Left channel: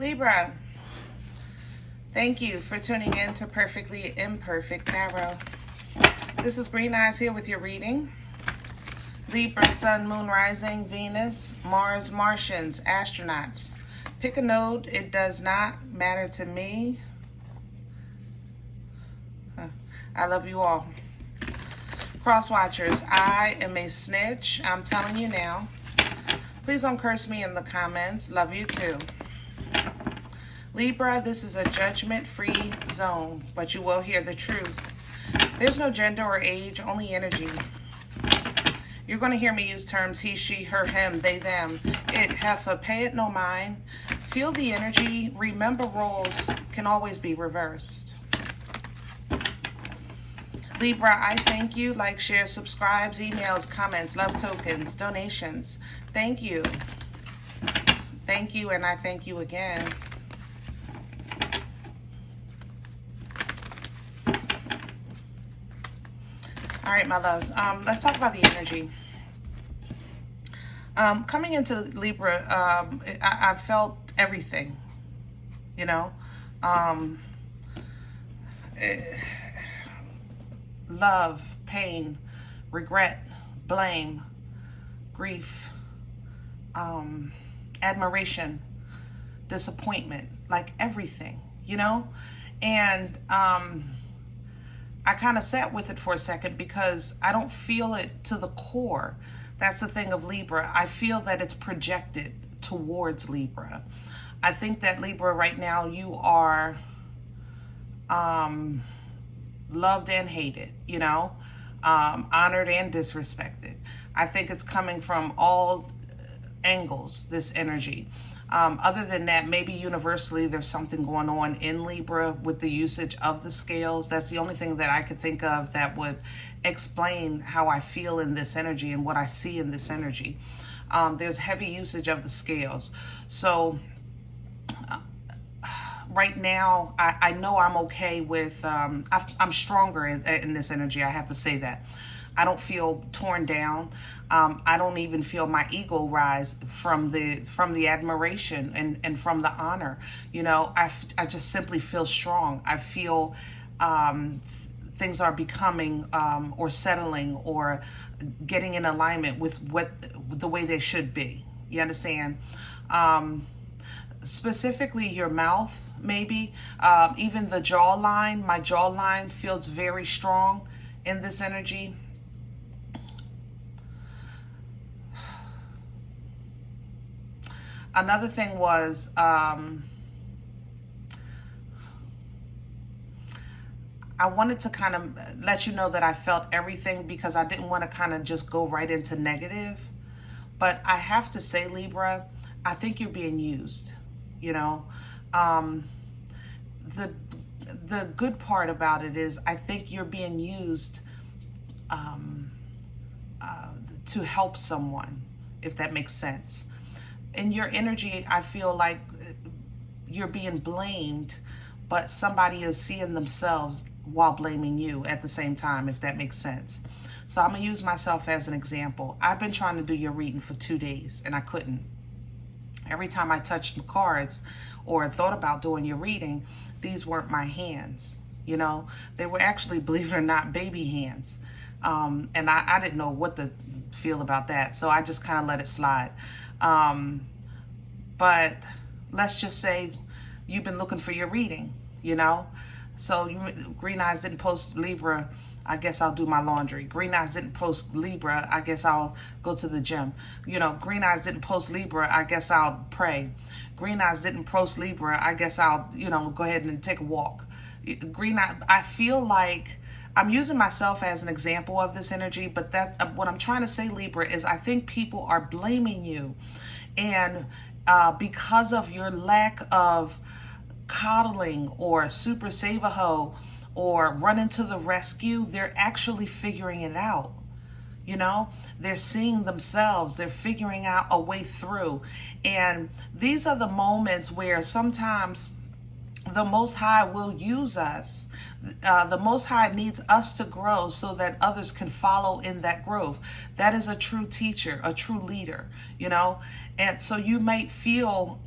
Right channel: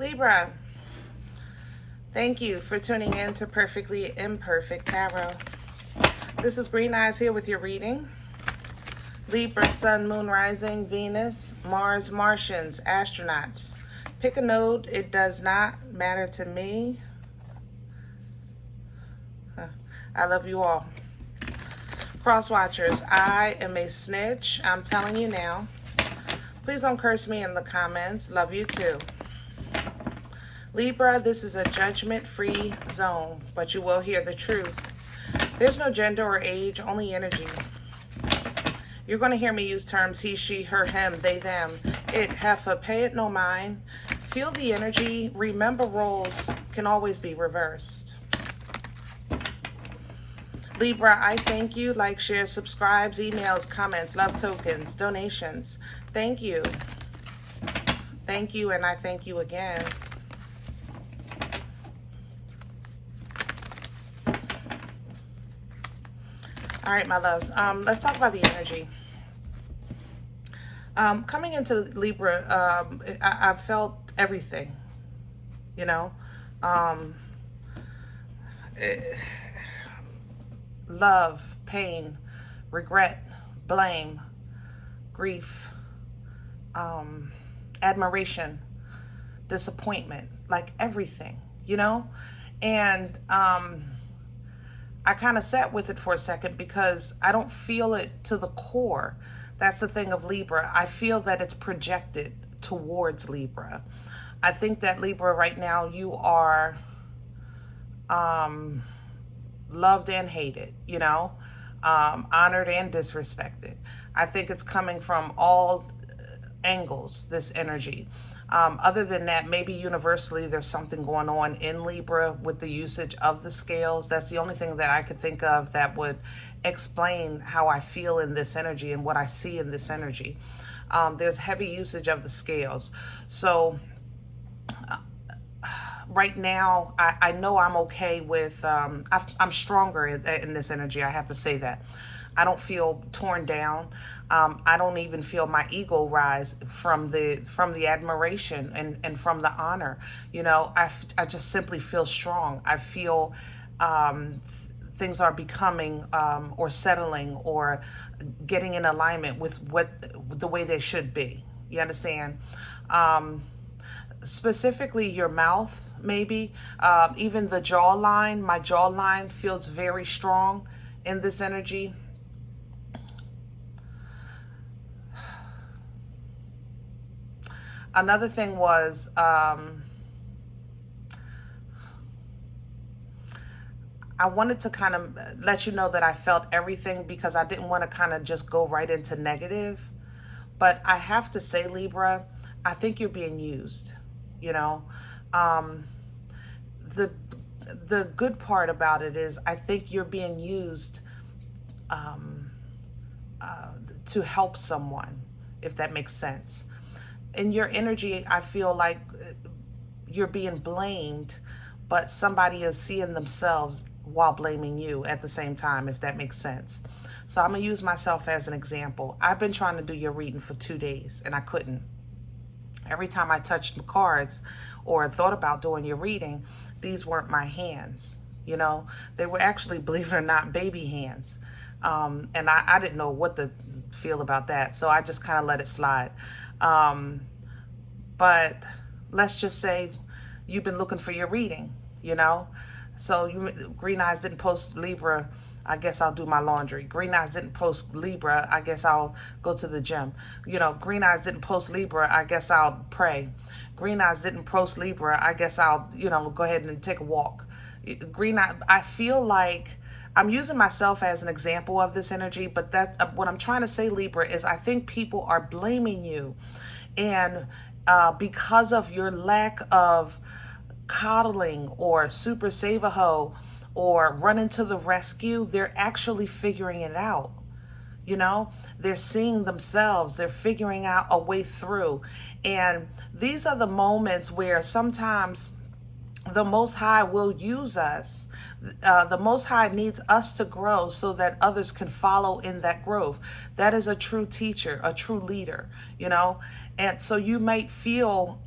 Libra, thank you for tuning in to Perfectly Imperfect Tarot. This is Green Eyes here with your reading. Libra, Sun, Moon, Rising, Venus, Mars, Martians, astronauts. Pick a node. It does not matter to me. I love you all. Cross watchers, I am a snitch. I'm telling you now. Please don't curse me in the comments. Love you too. Libra, this is a judgment-free zone, but you will hear the truth. There's no gender or age, only energy. You're going to hear me use terms he, she, her, him, they, them, it, heifer, pay it no mind. Feel the energy. Remember, roles can always be reversed. Libra, I thank you. Like, share, subscribes, emails, comments, love tokens, donations. Thank you. Thank you, and I thank you again. All right, my loves. Let's talk about the energy. Coming into Libra, I felt everything, you know. Love, pain, regret, blame, grief, admiration, disappointment, like everything, you know. And I kind of sat with it for a second because I don't feel it to the core. That's the thing of Libra. I feel that it's projected towards Libra. I think that Libra right now, you are loved and hated, you know, honored and disrespected. I think it's coming from all angles, this energy. Other than that, maybe universally there's something going on in Libra with the usage of the scales. That's the only thing that I could think of that would explain how I feel in this energy and what I see in this energy. There's heavy usage of the scales. So right now, I know I'm okay with, I'm stronger in this energy. I have to say that. I don't feel torn down. I don't even feel my ego rise from the admiration and from the honor. You know, I just simply feel strong. I feel things are becoming or settling or getting in alignment with the way they should be. You understand? Specifically your mouth, maybe, even the jawline. My jawline feels very strong in this energy. Another thing was, I wanted to kind of let you know that I felt everything because I didn't want to kind of just go right into negative. But I have to say, Libra, I think you're being used, you know. The good part about it is I think you're being used to help someone, if that makes sense. In your energy, I feel like you're being blamed, but somebody is seeing themselves while blaming you at the same time, if that makes sense. So I'm going to use myself as an example. I've been trying to do your reading for 2 days, and I couldn't. Every time I touched the cards or thought about doing your reading, these weren't my hands, you know. They were actually, believe it or not, baby hands. And I didn't know what to feel about that, so I just kind of let it slide. But let's just say you've been looking for your reading, you know. So Green Eyes didn't post Libra, I guess I'll do my laundry. Green Eyes didn't post Libra, I guess I'll go to the gym. You know, Green Eyes didn't post Libra, I guess I'll pray. Green Eyes didn't post Libra, I guess I'll, you know, go ahead and take a walk. Green Eye, I feel like I'm using myself as an example of this energy, but that what I'm trying to say, Libra, is I think people are blaming you. And because of your lack of coddling or super save-a-ho or running to the rescue, they're actually figuring it out. You know, they're seeing themselves, they're figuring out a way through. And these are the moments where sometimes the Most High will use us. The Most High needs us to grow so that others can follow in that growth. That is a true teacher, a true leader, you know. And so you might feel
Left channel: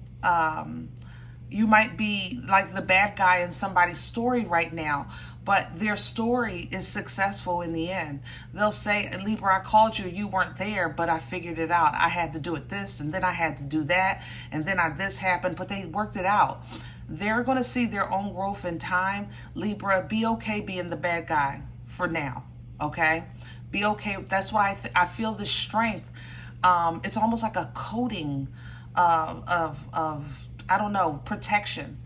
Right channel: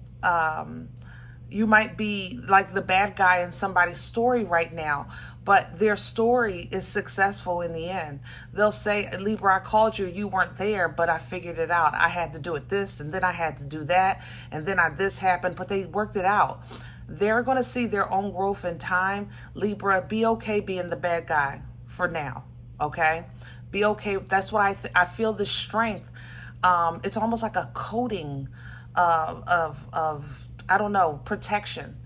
You might be like the bad guy in somebody's story right now, but their story is successful in the end. They'll say, Libra, I called you, you weren't there, but I figured it out. I had to do it this, and then I had to do that, and then this happened, but they worked it out. They're going to see their own growth in time. Libra, be okay being the bad guy for now, okay? Be okay. That's what I feel the strength. It's almost like a coating of I don't know, protection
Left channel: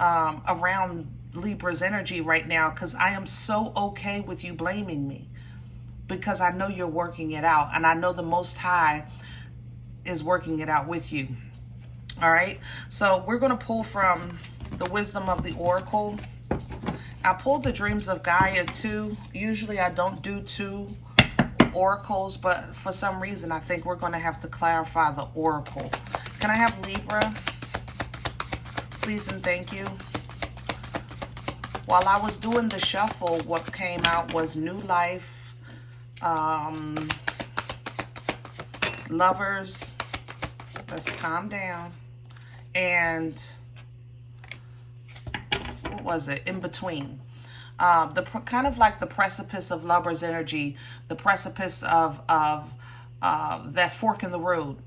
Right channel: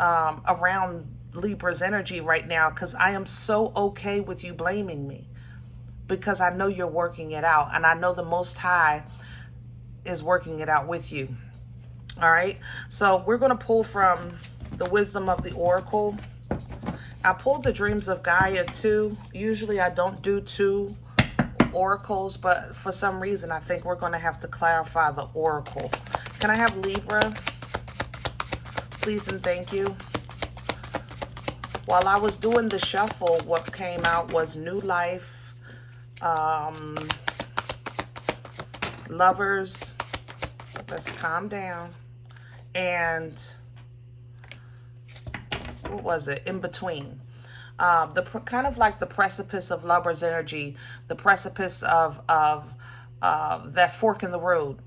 around Libra's energy right now, because I am so okay with you blaming me, because I know you're working it out, and I know the Most High is working it out with you. All right, so we're going to pull from the Wisdom of the Oracle. I pulled the Dreams of Gaia too. Usually I don't do 2 oracles, but for some reason I think we're going to have to clarify the oracle. Can I have Libra? Please and thank you. While I was doing the shuffle, what came out was New Life, Lovers, let's calm down, and what was it? In Between. Kind of like the precipice of Lover's energy, the precipice of that fork in the road,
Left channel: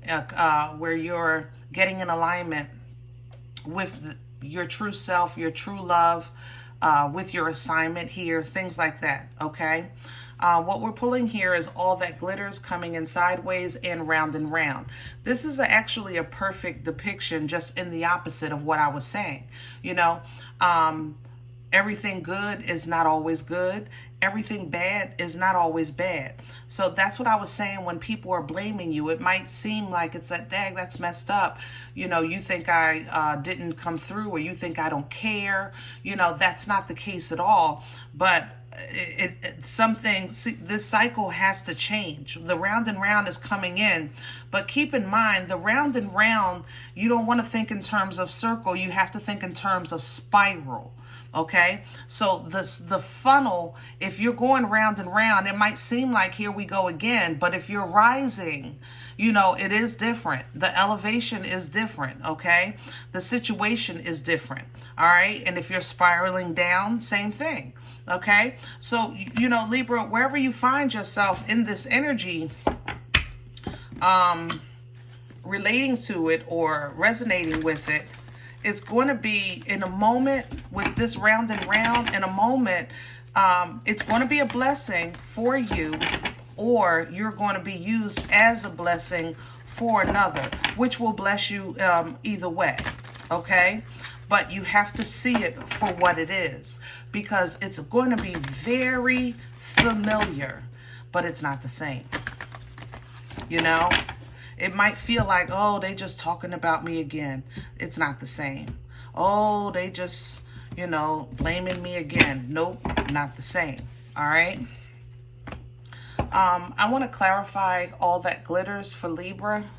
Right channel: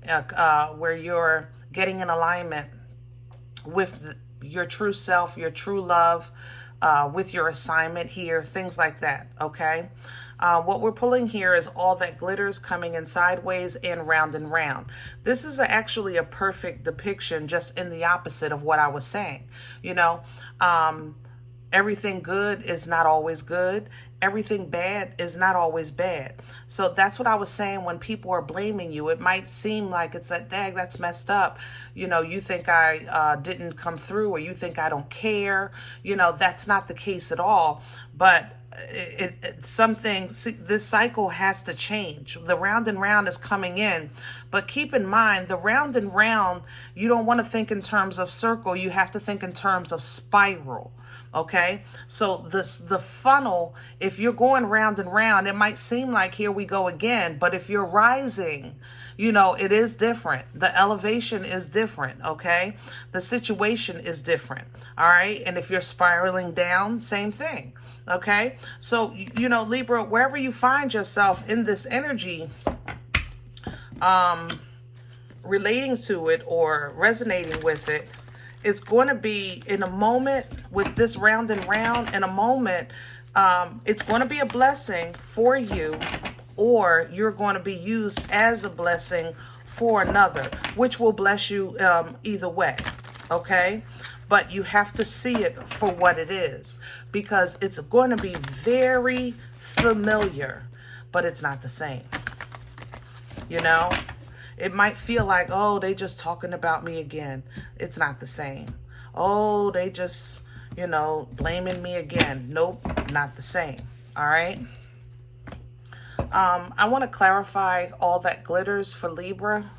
where you're getting in alignment with your true self, your true love, with your assignment here, things like that, okay? What we're pulling here is All That Glitters coming in sideways and round. This is actually a perfect depiction, just in the opposite of what I was saying. You know, everything good is not always good. Everything bad is not always bad. So that's what I was saying. When people are blaming you, it might seem like it's that, dang, that's messed up. You know, you think I didn't come through, or you think I don't care. You know, that's not the case at all. But this cycle has to change. The round and round is coming in, but keep in mind, the round and round, you don't want to think in terms of circle. You have to think in terms of spiral. Okay, so the funnel, if you're going round and round, it might seem like here we go again, but if you're rising, you know, it is different. The elevation is different, okay? The situation is different, all right? And if you're spiraling down, same thing, okay? So, you know, Libra, wherever you find yourself in this energy, relating to it or resonating with it, it's going to be in a moment with this round and round. In a moment, it's going to be a blessing for you, or you're going to be used as a blessing for another, which will bless you either way, okay? But you have to see it for what it is, because it's going to be very familiar, but it's not the same, you know? It might feel like, oh, they just talking about me again. It's not the same. Oh, they just, you know, blaming me again. Nope, not the same. All right. I want to clarify All That Glitters for Libra.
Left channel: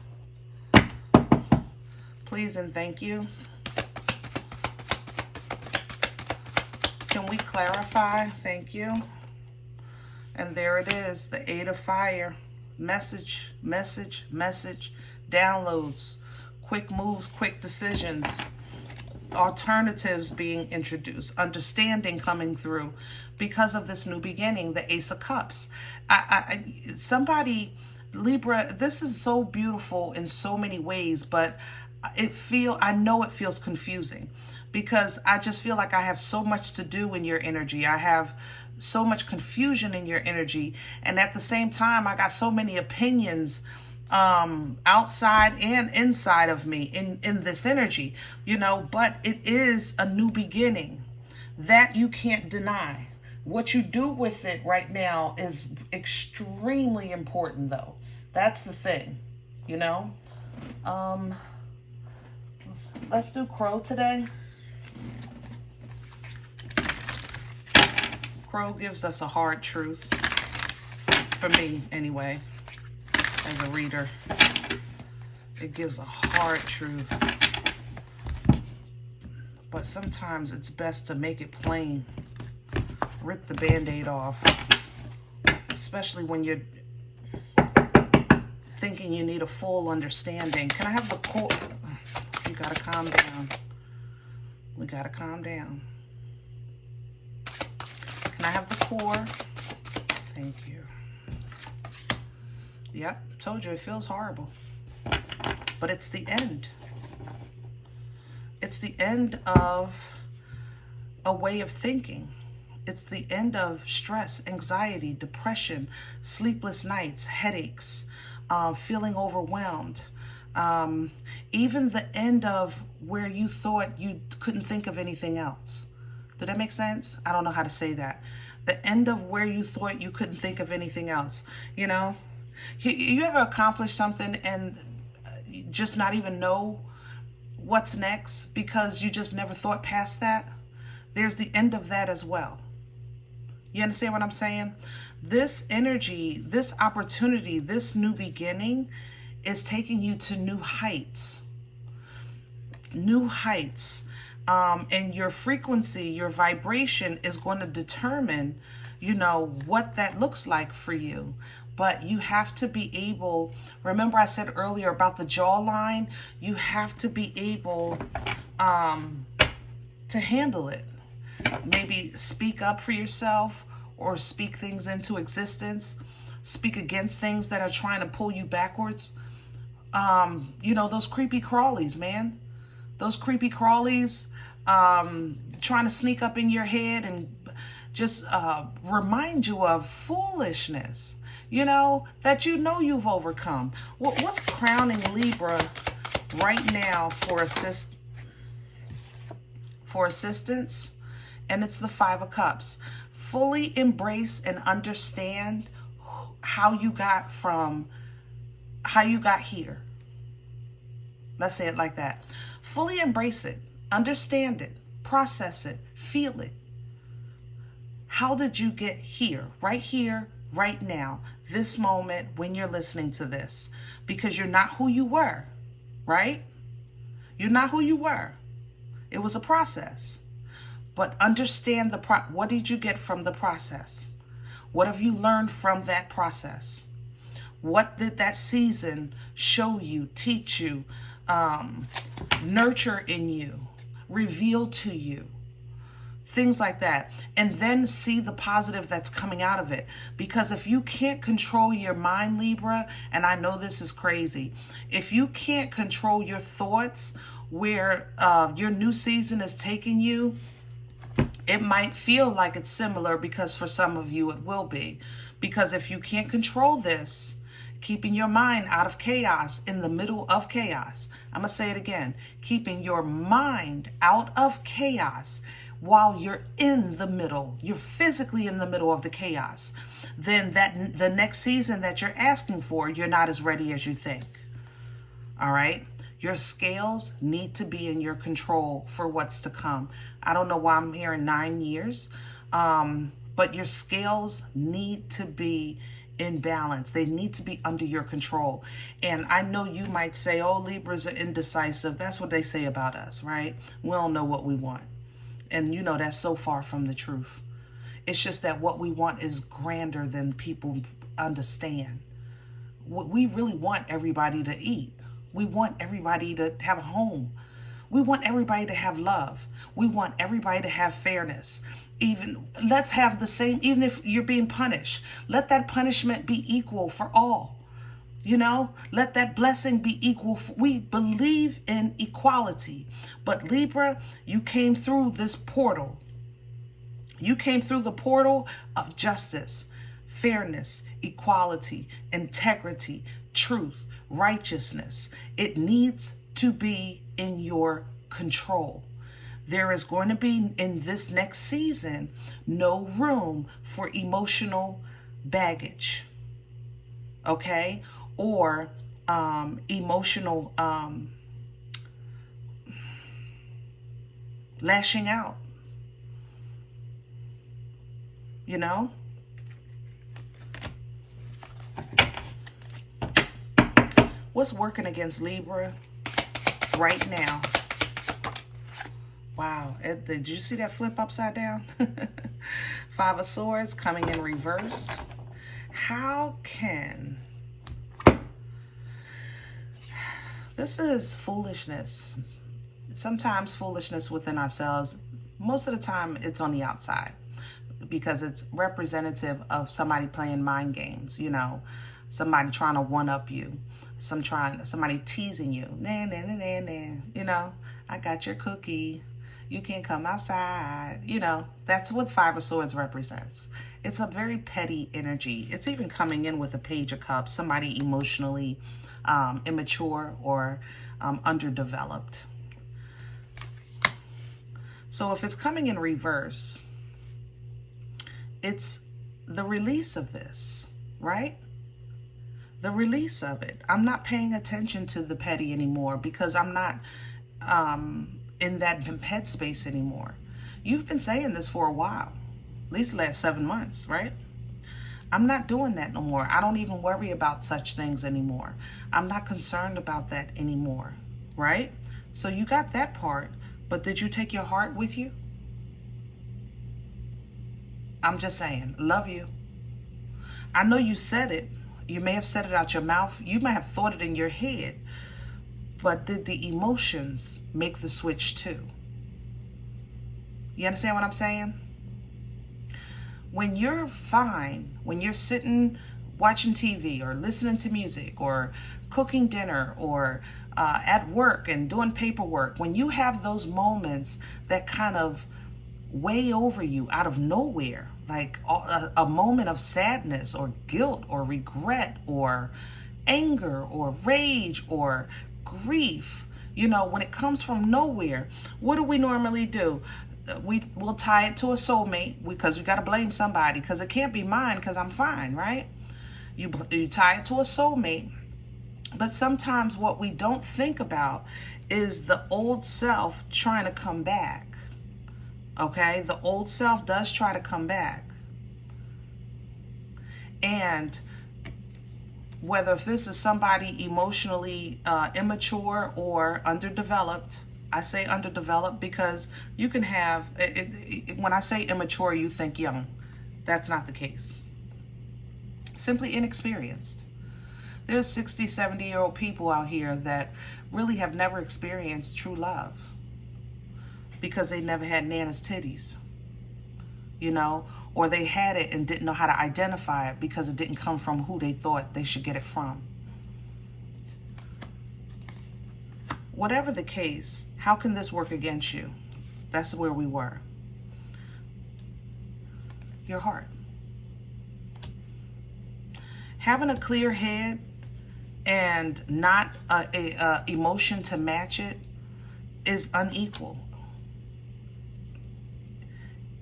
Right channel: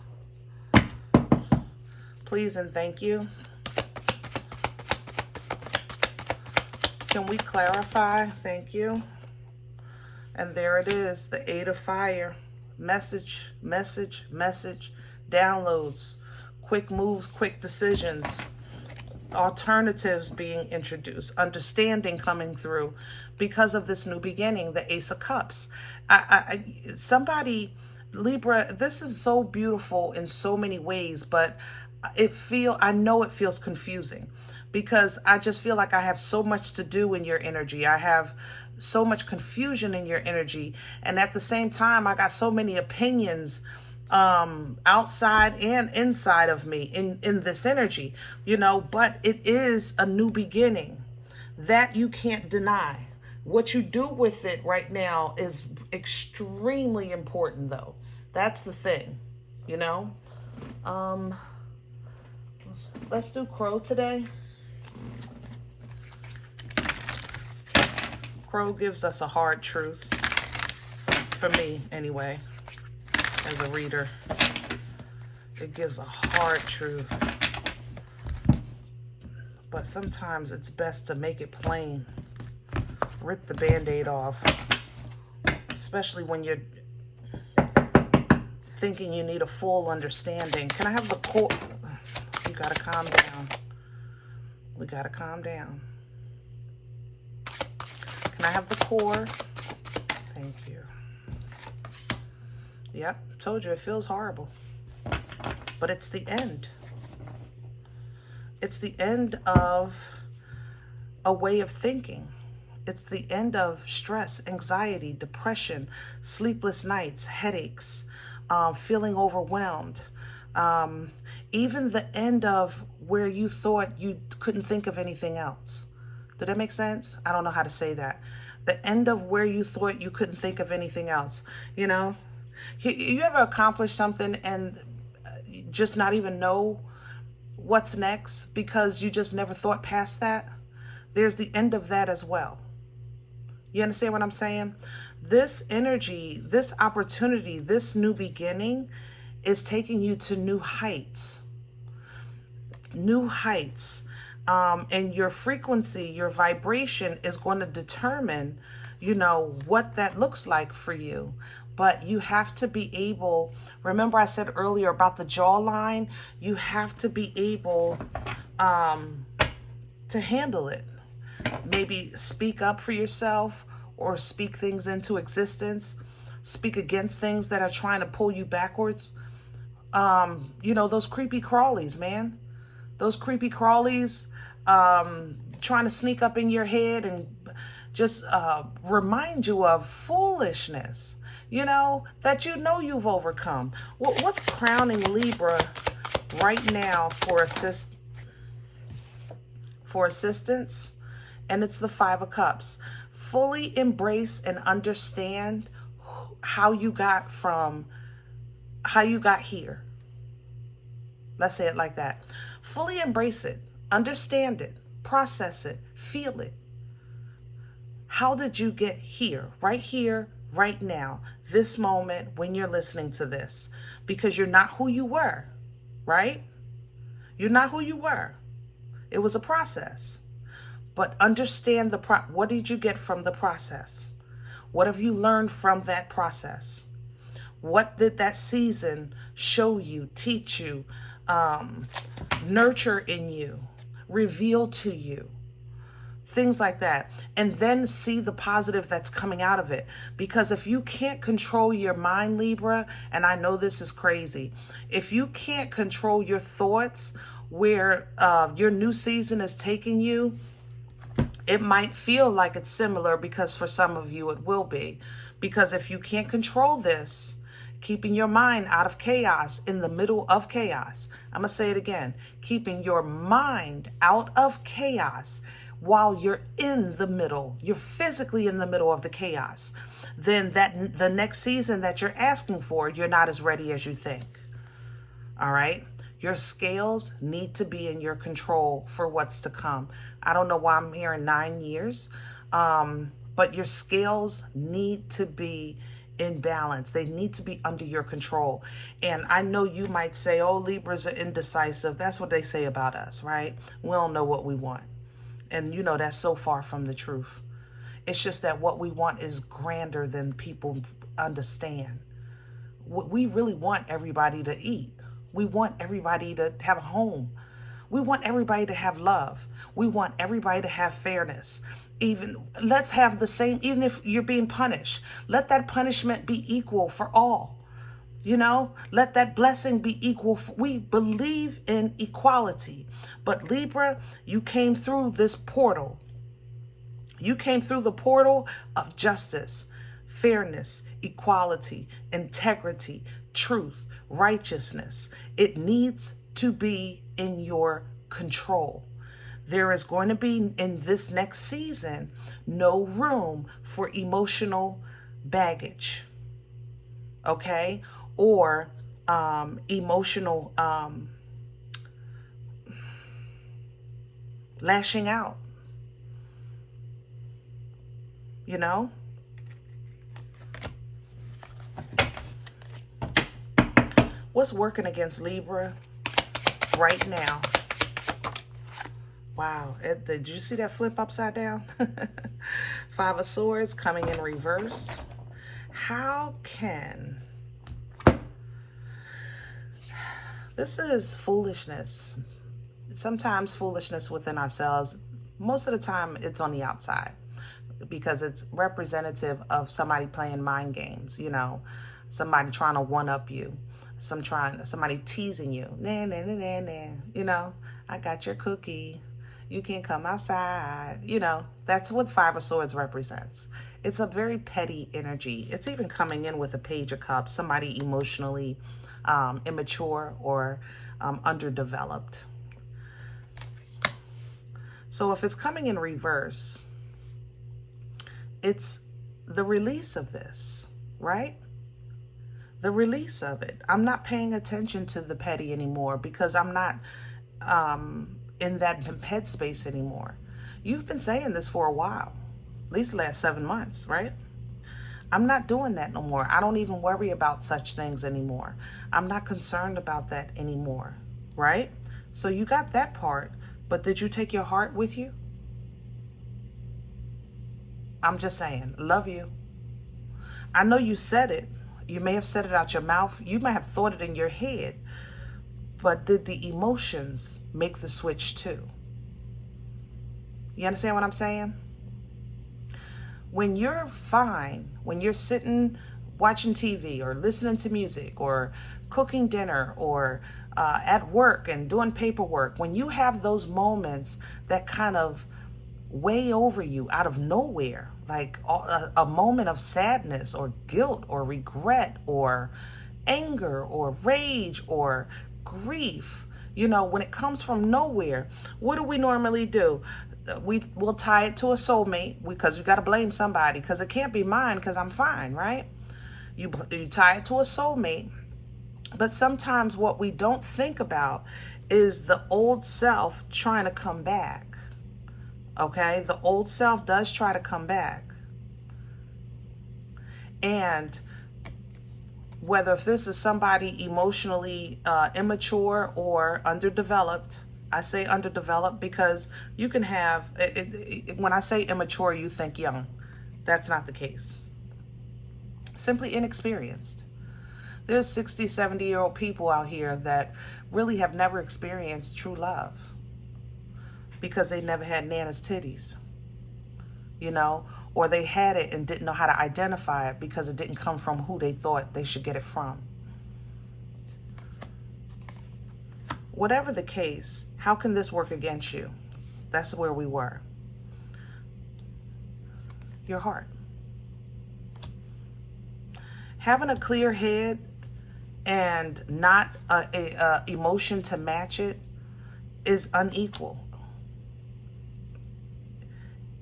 Please and thank you. Can we clarify? Thank you. And there it is, the 8 of Fire. Message, downloads, quick moves, quick decisions, alternatives being introduced, understanding coming through because of this new beginning, the Ace of Cups. Somebody, Libra, this is so beautiful in so many ways, but I know it feels confusing, because I just feel like I have so much to do in your energy. I have so much confusion in your energy, and at the same time I got so many opinions outside and inside of me in this energy, you know. But it is a new beginning that you can't deny. What you do with it right now is extremely important, though. That's the thing, you know. Let's do Crow today. Crow gives us a hard truth, for me anyway, as a reader. It gives a hard truth, but sometimes it's best to make it plain. Rip the Band-Aid off, especially when you're thinking you need a full understanding. Can I have the core? You gotta calm down. We got to calm down. Can I have the core? Thank you. Yep, told you it feels horrible. But it's the end. It's the end of a way of thinking. It's the end of stress, anxiety, depression, sleepless nights, headaches, feeling overwhelmed. Even the end of where you thought you couldn't think of anything else. Did that make sense? I don't know how to say that. The end of where you thought you couldn't think of anything else. You know, you ever accomplish something and just not even know what's next because you just never thought past that? There's the end of that as well. You understand what I'm saying? This energy, this opportunity, this new beginning is taking you to new heights. New heights. And your frequency, your vibration is going to determine, you know, what that looks like for you. But you have to be able, remember I said earlier about the jawline, you have to be able to handle it. Maybe speak up for yourself or speak things into existence. Speak against things that are trying to pull you backwards. You know, those creepy crawlies, man. Those creepy crawlies trying to sneak up in your head and just remind you of foolishness, you know, that you know you've overcome. What's crowning Libra right now for assistance? And it's the Five of Cups. Fully embrace and understand how you got here. Let's say it like that. Fully embrace it, understand it, process it, feel it. How did you get here, right now, this moment when you're listening to this? Because you're not who you were, right? You're not who you were. It was a process. But understand what did you get from the process? What have you learned from that process? What did that season show you, teach you, nurture in you, reveal to you? Things like that. And then see the positive that's coming out of it. Because if you can't control your mind, Libra, and I know this is crazy, if you can't control your thoughts, where your new season is taking you, it might feel like it's similar, because for some of you it will be. Because if you can't control this, keeping your mind out of chaos, in the middle of chaos, I'm going to say it again, keeping your mind out of chaos while you're in the middle, you're physically in the middle of the chaos, then the next season that you're asking for, you're not as ready as you think. All right? Your scales need to be in your control for what's to come. I don't know why I'm hearing 9 years, but your scales need to be in balance. They need to be under your control. And I know you might say, oh, Libras are indecisive. That's what they say about us, right? We don't know what we want. And you know, that's so far from the truth. It's just that what we want is grander than people understand. We really want everybody to eat. We want everybody to have a home. We want everybody to have love. We want everybody to have fairness. Even let's have the same, even if you're being punished, let that punishment be equal for all. You know, let that blessing be equal. We believe in equality. But Libra, you came through this portal. You came through the portal of justice, fairness, equality, integrity, truth, righteousness. It needs to be in your control. There is going to be, in this next season, no room for emotional baggage, okay? Or emotional lashing out, you know? What's working against Libra right now? Wow, did you see that flip upside down? Five of Swords coming in reverse. How can... This is foolishness. sometimes foolishness within ourselves, most of the time it's on the outside because it's representative of somebody playing mind games, you know, somebody trying to one-up you, somebody teasing you, nah, nah, nah, nah, nah, you know, I got your cookie, you can't come outside, you know, that's what Five of Swords represents. It's a very petty energy. It's even coming in with a Page of Cups, somebody emotionally immature or underdeveloped. So if it's coming in reverse, it's the release of this, right? The release of it. I'm not paying attention to the petty anymore because I'm not in that headspace anymore. You've been saying this for a while, at least the last 7 months, right? I'm not doing that no more. I don't even worry about such things anymore. I'm not concerned about that anymore, right? So you got that part, but did you take your heart with you? I'm just saying, love you. I know you said it. You may have said it out your mouth. You might have thought it in your head. But did the emotions make the switch too? You understand what I'm saying? When you're fine, when you're sitting watching TV or listening to music or cooking dinner or at work and doing paperwork, when you have those moments that kind of weigh over you out of nowhere, like a moment of sadness or guilt or regret or anger or rage or grief, you know, when it comes from nowhere, what do we normally do? We'll tie it to a soulmate because we got to blame somebody because it can't be mine because I'm fine, right? You tie it to a soulmate. But sometimes what we don't think about is the old self trying to come back. Okay? The old self does try to come back. And whether if this is somebody emotionally immature or underdeveloped, I say underdeveloped because you can have, when I say immature, you think young. That's not the case. Simply inexperienced. There's 60, 70-year-old people out here that really have never experienced true love because they never had Nana's titties, you know, or they had it and didn't know how to identify it because it didn't come from who they thought they should get it from. Whatever the case, how can this work against you? That's where we were. Your heart. Having a clear head and not a emotion to match it is unequal.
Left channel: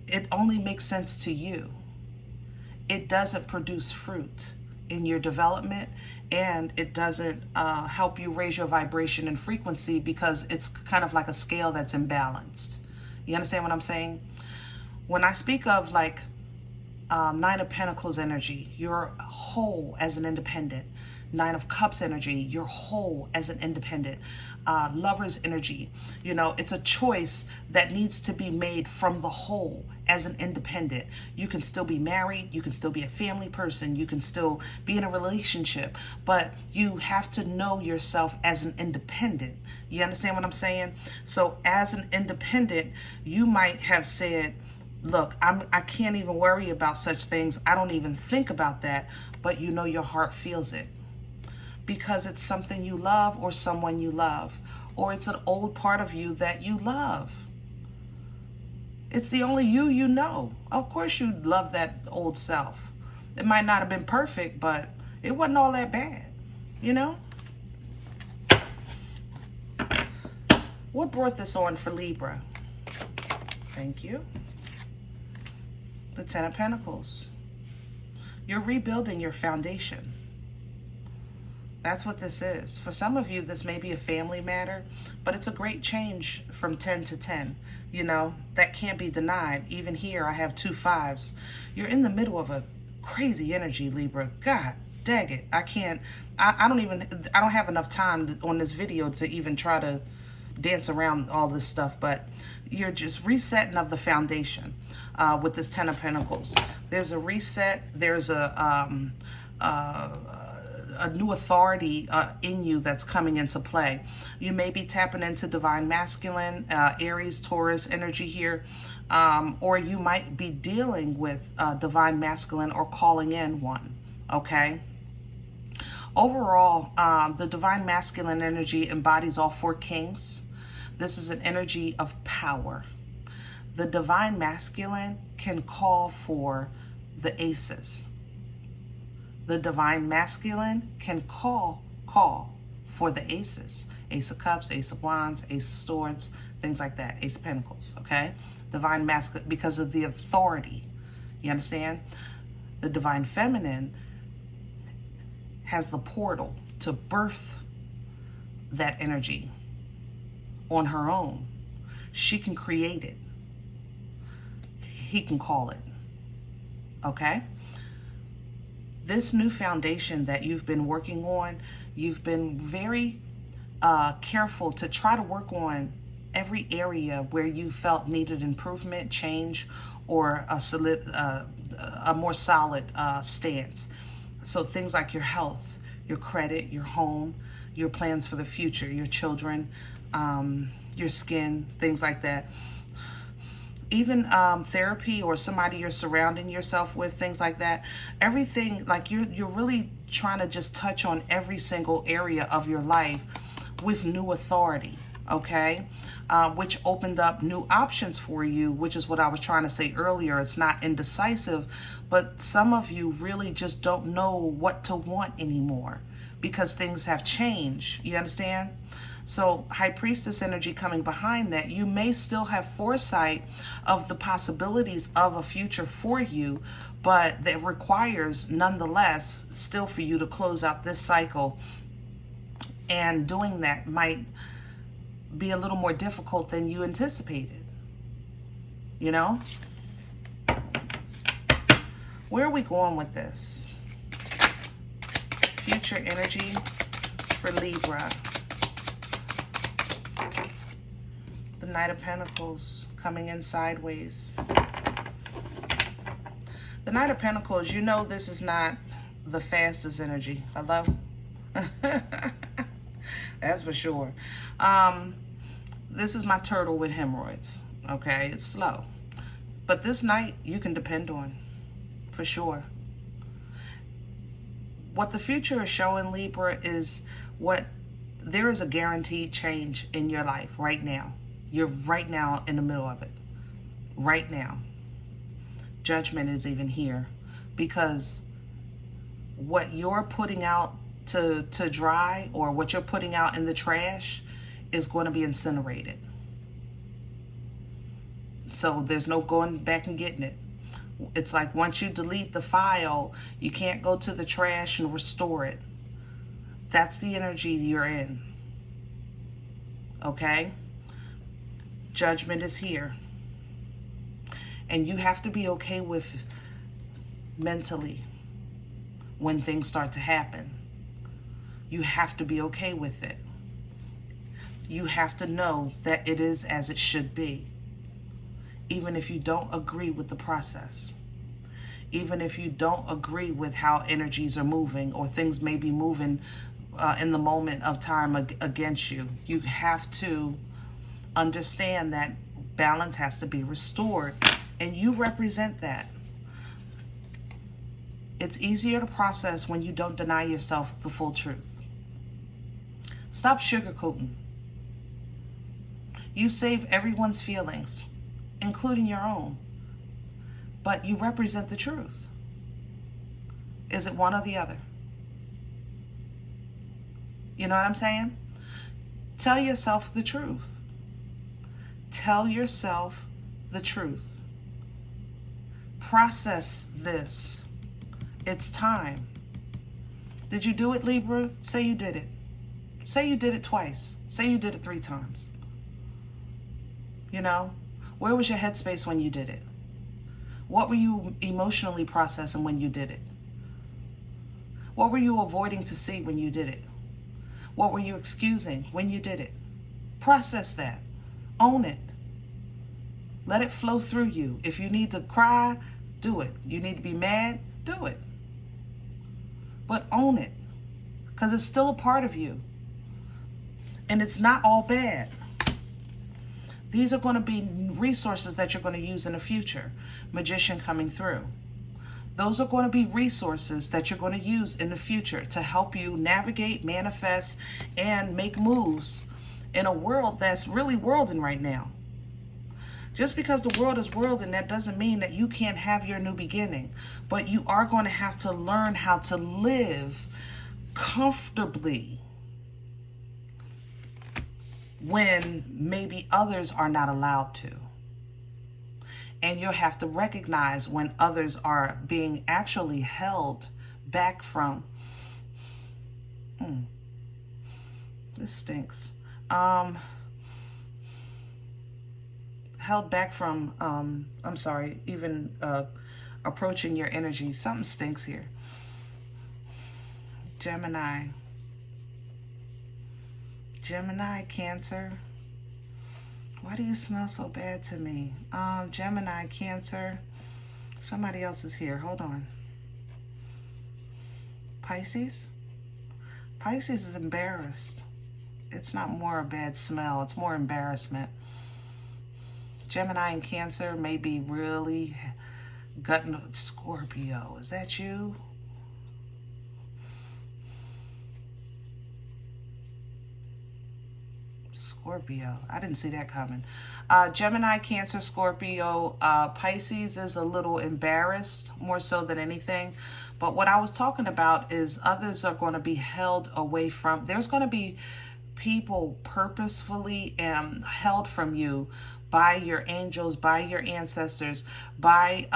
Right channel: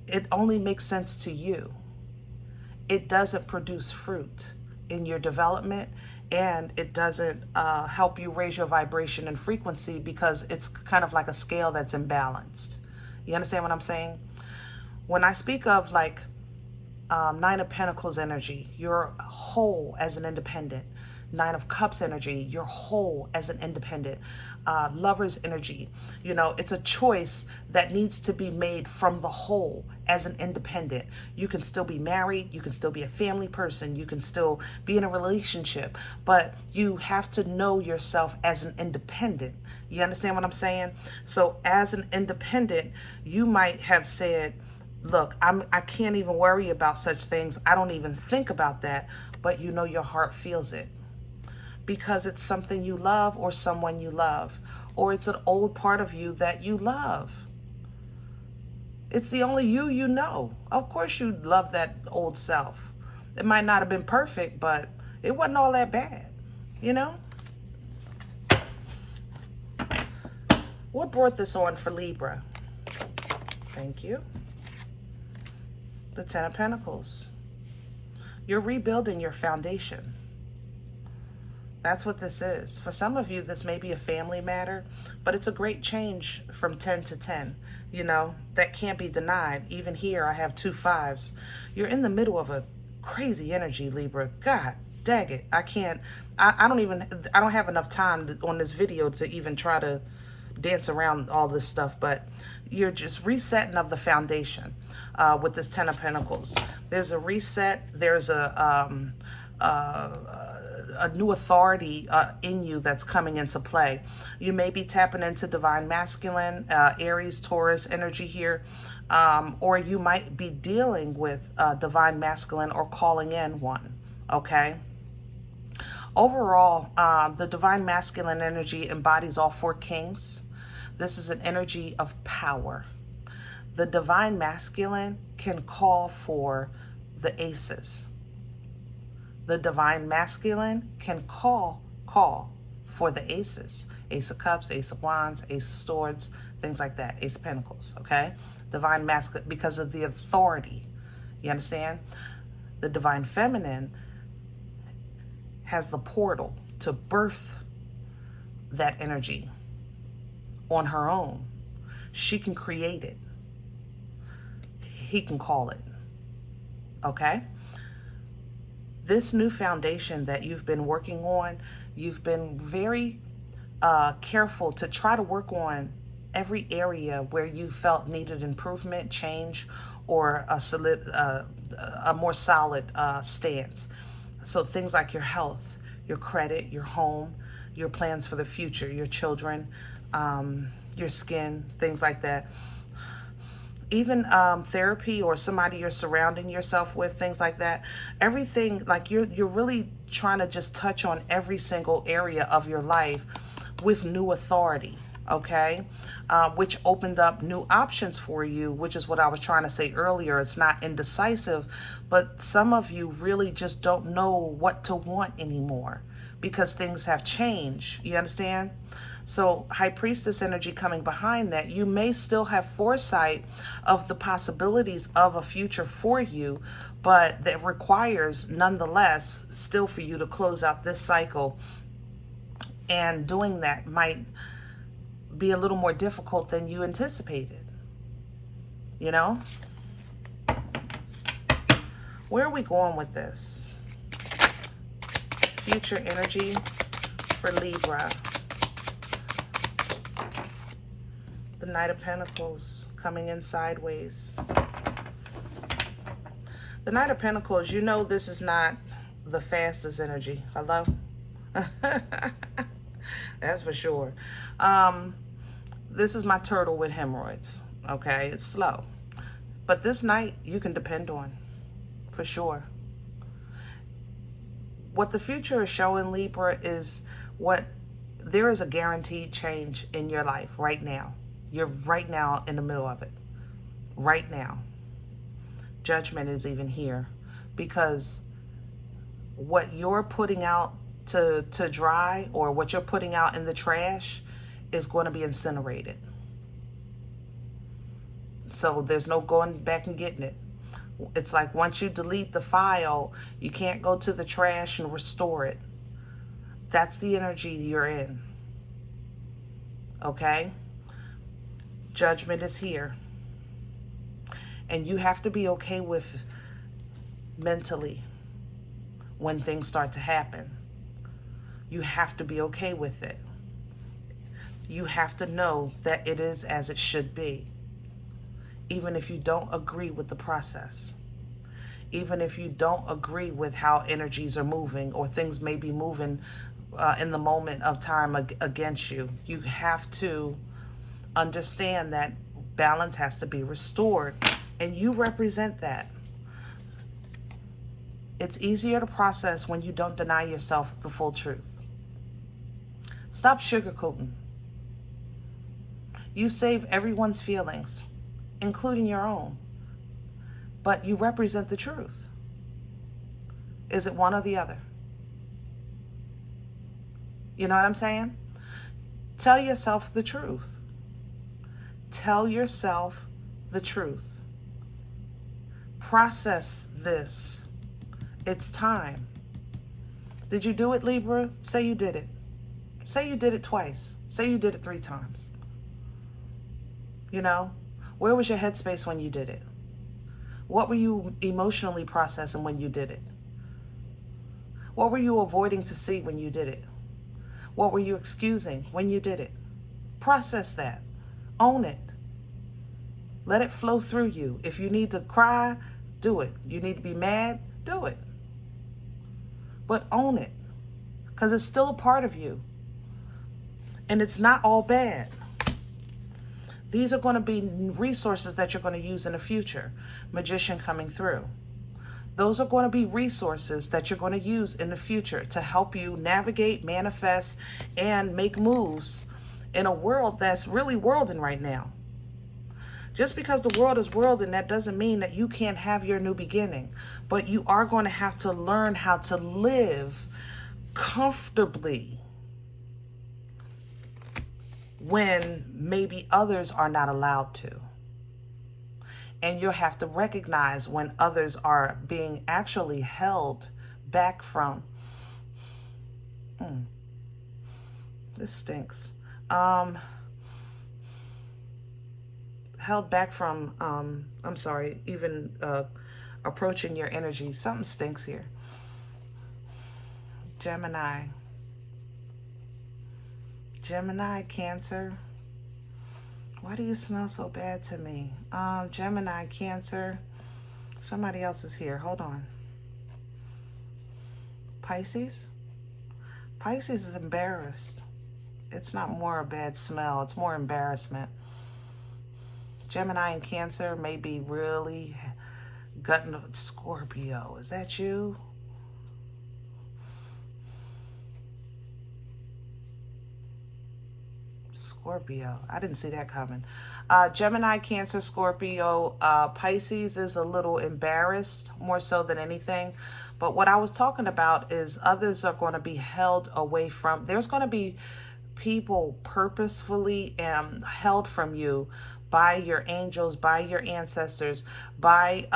It only makes sense to you. It doesn't produce fruit in your development, and it doesn't help you raise your vibration and frequency because it's kind of like a scale that's imbalanced. You understand what I'm saying? When I speak of like Nine of Pentacles energy, you're whole as an independent. Nine of Cups energy, you're whole as an independent. Lover's energy, you know, it's a choice that needs to be made from the whole as an independent. You can still be married, you can still be a family person, you can still be in a relationship, but you have to know yourself as an independent. You understand what I'm saying? So as an independent, you might have said, look, I can't even worry about such things. I don't even think about that, but you know your heart feels it. Because it's something you love or someone you love, or it's an old part of you that you love. It's the only you know. Of course you love that old self. It might not have been perfect, but it wasn't all that bad, you know? What brought this on for Libra? Thank you. The Ten of Pentacles. You're rebuilding your foundation. That's what this is. For some of you, this may be a family matter, but it's a great change from 10 to 10. You know, that can't be denied. Even here, I have 2 5s. You're in the middle of a crazy energy, Libra. God dang it. I don't have enough time on this video to even try to dance around all this stuff, but you're just resetting of the foundation with this 10 of Pentacles. There's a reset. There's a a new authority in you that's coming into play. You may be tapping into divine masculine, Aries, Taurus energy here, or you might be dealing with divine masculine or calling in one, okay? Overall, the divine masculine energy embodies all four kings. This is an energy of power. The divine masculine can call for the aces. The divine masculine can call for the aces. Ace of Cups, Ace of Wands, Ace of Swords, things like that. Ace of Pentacles, okay? Divine masculine, because of the authority. You understand? The divine feminine has the portal to birth that energy on her own. She can create it. He can call it. Okay? This new foundation that you've been working on, you've been very careful to try to work on every area where you felt needed improvement, change, or a more solid stance. So things like your health, your credit, your home, your plans for the future, your children, your skin, things like that. Even therapy or somebody you're surrounding yourself with, things like that. Everything, like you're really trying to just touch on every single area of your life with new authority, okay? Which opened up new options for you, which is what I was trying to say earlier. It's not indecisive, but some of you really just don't know what to want anymore because things have changed. You understand? So High Priestess energy coming behind that, you may still have foresight of the possibilities of a future for you, but that requires nonetheless still for you to close out this cycle. And doing that might be a little more difficult than you anticipated. You know? Where are we going with this? Future energy for Libra. The Knight of Pentacles coming in sideways. The Knight of Pentacles, you know this is not the fastest energy. Hello? That's for sure. This is my turtle with hemorrhoids. Okay, it's slow. But this Knight you can depend on, for sure. What the future is showing, Libra, is there is a guaranteed change in your life right now. You're right now in the middle of it. Right now. Judgment is even here. Because what you're putting out to dry, or what you're putting out in the trash, is going to be incinerated. So there's no going back and getting it. It's like once you delete the file, you can't go to the trash and restore it. That's the energy you're in. Okay? Judgment is here. And you have to be okay with mentally when things start to happen. You have to be okay with it. You have to know that it is as it should be. Even if you don't agree with the process. Even if you don't agree with how energies are moving, or things may be moving in the moment of time against you. You have to understand that balance has to be restored. And you represent that. It's easier to process when you don't deny yourself the full truth. Stop sugarcoating. You save everyone's feelings, including your own. But you represent the truth. Is it one or the other? You know what I'm saying? Tell yourself the truth. Tell yourself the truth. Process this. It's time. Did you do it, Libra? Say you did it. Say you did it twice. Say you did it 3 times. You know? Where was your headspace when you did it? What were you emotionally processing when you did it? What were you avoiding to see when you did it? What were you excusing when you did it? Process that. Own it. Let it flow through you. If you need to cry, do it. You need to be mad, do it. But own it. because it's still a part of you. And it's not all bad. These are going to be resources that you're going to use in the future. Magician coming through. Those are going to be resources that you're going to use in the future to help you navigate, manifest, and make moves in a world that's really worlding right now. Just because the world is worlding, that doesn't mean that you can't have your new beginning. But you are going to have to learn how to live comfortably when maybe others are not allowed to. And you'll have to recognize when others are being actually held back from. This stinks. Held back from, I'm sorry, even approaching your energy. Something stinks here. Gemini, Cancer. Why do you smell so bad to me? Gemini, Cancer. Somebody else is here. Hold on. Pisces. Pisces is embarrassed. It's not more a bad smell. It's more embarrassment. Gemini and Cancer may be really gutting. Scorpio, is that you? Scorpio, I didn't see that coming. Gemini, Cancer, Scorpio, Pisces is a little embarrassed, more so than anything. But what I was talking about is others are going to be held away from. There's going to be people purposefully held from you by your angels, by your ancestors, by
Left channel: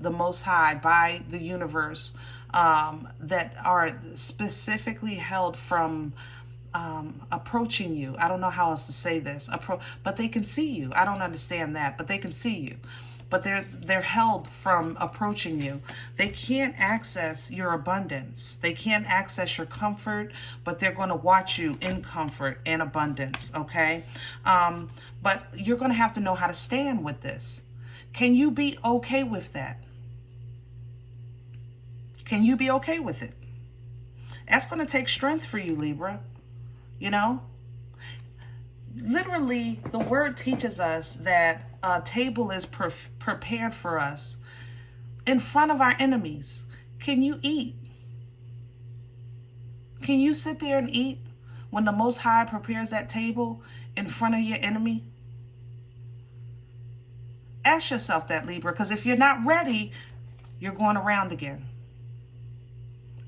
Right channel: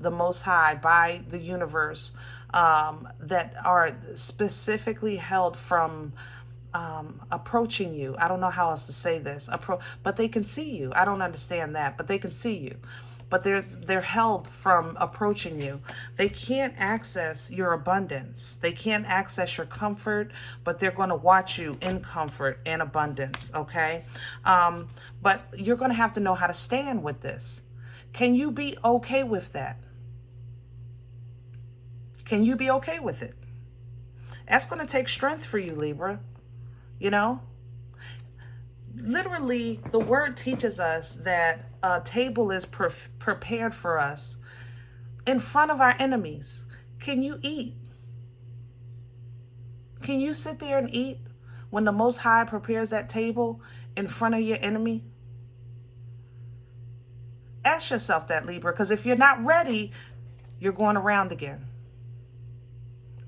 the Most High, by the universe, that are specifically held from approaching you. I don't know how else to say this. But they can see you. I don't understand that, but they can see you. But they're held from approaching you. They can't access your abundance. They can't access your comfort, but they're going to watch you in comfort and abundance, okay? But you're going to have to know how to stand with this. Can you be okay with that? Can you be okay with it? That's going to take strength for you, Libra. You know? Literally, the word teaches us that a table is prepared for us in front of our enemies. Can you eat? Can you sit there and eat when the Most High prepares that table in front of your enemy? Ask yourself that, Libra, because if you're not ready, you're going around again.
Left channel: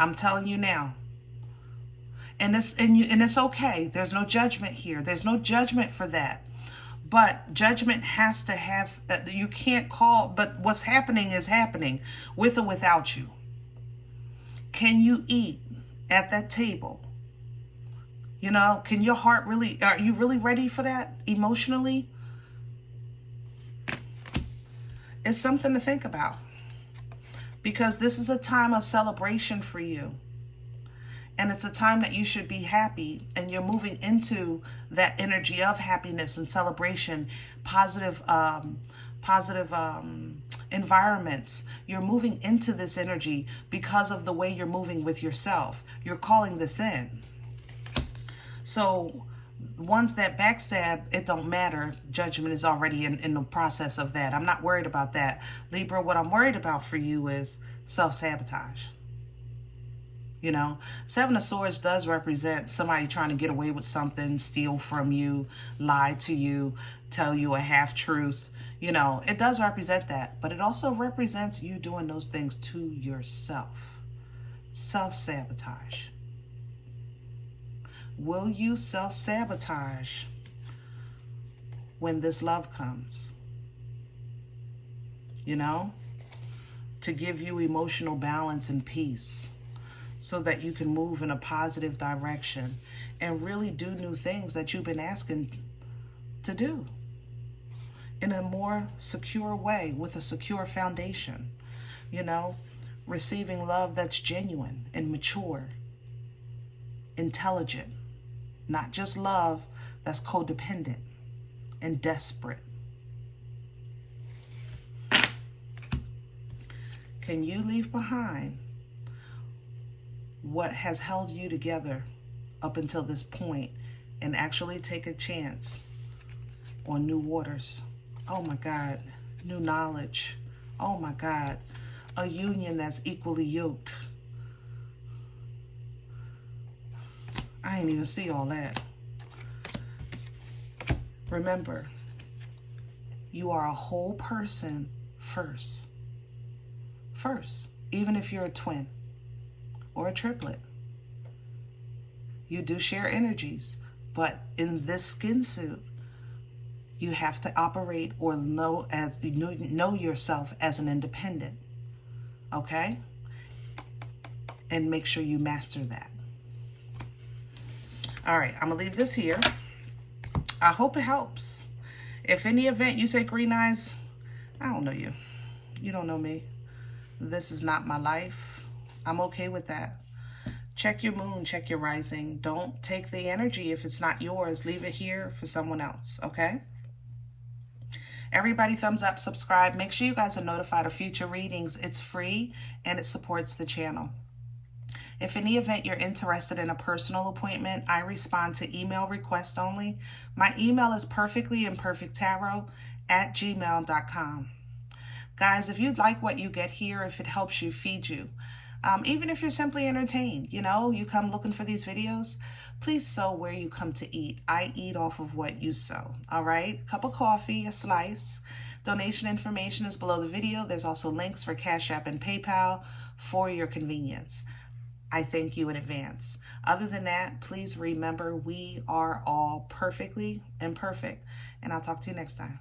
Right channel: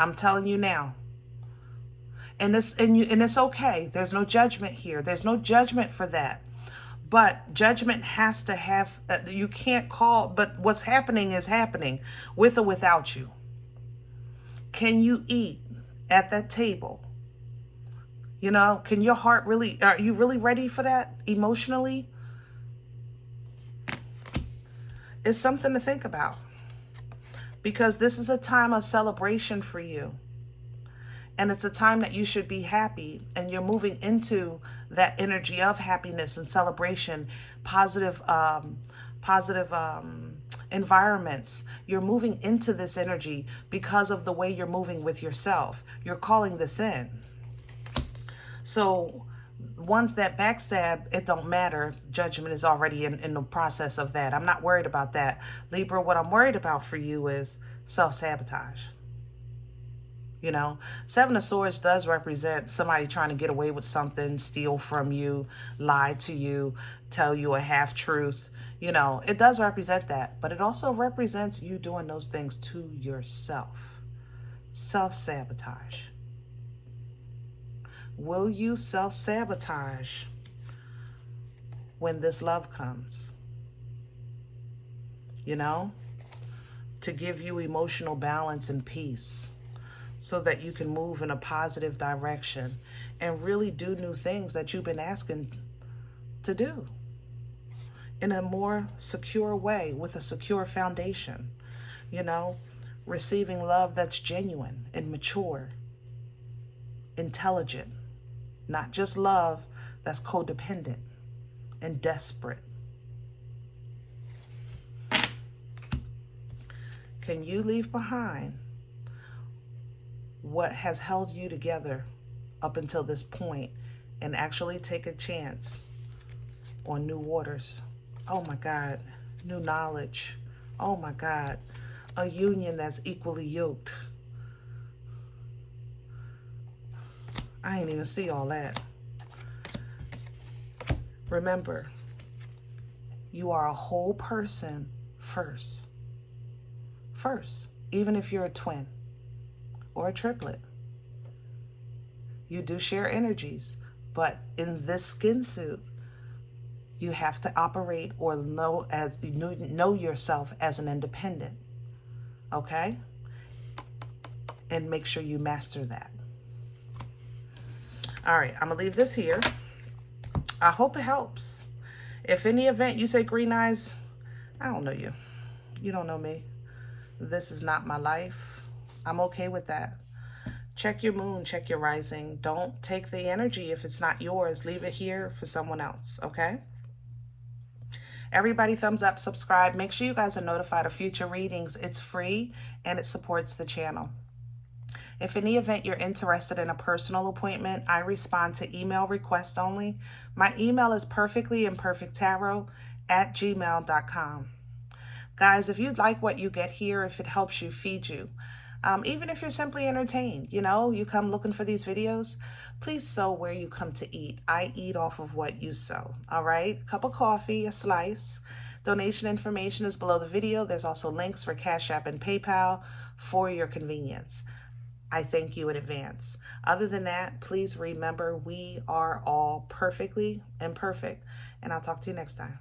I'm telling you now. And it's okay. There's no judgment here. There's no judgment for that. But judgment has to have, you can't call, but what's happening is happening with or without you. Can you eat at that table? You know, can your heart really, are you really ready for that emotionally? It's something to think about, because this is a time of celebration for you. And it's a time that you should be happy, and you're moving into that energy of happiness and celebration, positive environments. You're moving into this energy because of the way you're moving with yourself. You're calling this in. So ones that backstab, it don't matter. Judgment is already in the process of that. I'm not worried about that. Libra, what I'm worried about for you is self-sabotage. You know, Seven of Swords does represent somebody trying to get away with something, steal from you, lie to you, tell you a half-truth. You know, it does represent that. But it also represents you doing those things to yourself. Self-sabotage. Will you self-sabotage when this love comes? You know, to give you emotional balance and peace, so that you can move in a positive direction and really do new things that you've been asking to do in a more secure way, with a secure foundation. You know, receiving love that's genuine and mature, intelligent, not just love that's codependent and desperate. Can you leave behind what has held you together up until this point and actually take a chance on new waters. Oh my God, new knowledge. Oh my God, a union that's equally yoked. I ain't even see all that. Remember, you are a whole person first. First, even if you're a twin or a triplet. You do share energies, but in this skin suit, you have to operate or know yourself as an independent, okay? And make sure you master that. All right, I'm gonna leave this here. I hope it helps. If in the event you say, Green Eyes, I don't know you. You don't know me. This is not my life. I'm okay with that. Check your moon, check your rising. Don't take the energy if it's not yours. Leave it here for someone else, okay? Everybody thumbs up, subscribe. Make sure you guys are notified of future readings. It's free and it supports the channel. If in the event you're interested in a personal appointment, I respond to email request only. My email is perfectlyimperfecttarot@gmail.com. Guys, if you like what you get here, if it helps you, feed you, even if you're simply entertained, you know, you come looking for these videos, please sow where you come to eat. I eat off of what you sow, all right? Cup of coffee, a slice. Donation information is below the video. There's also links for CashApp and PayPal for your convenience. I thank you in advance. Other than that, please remember we are all perfectly imperfect, and I'll talk to you next time.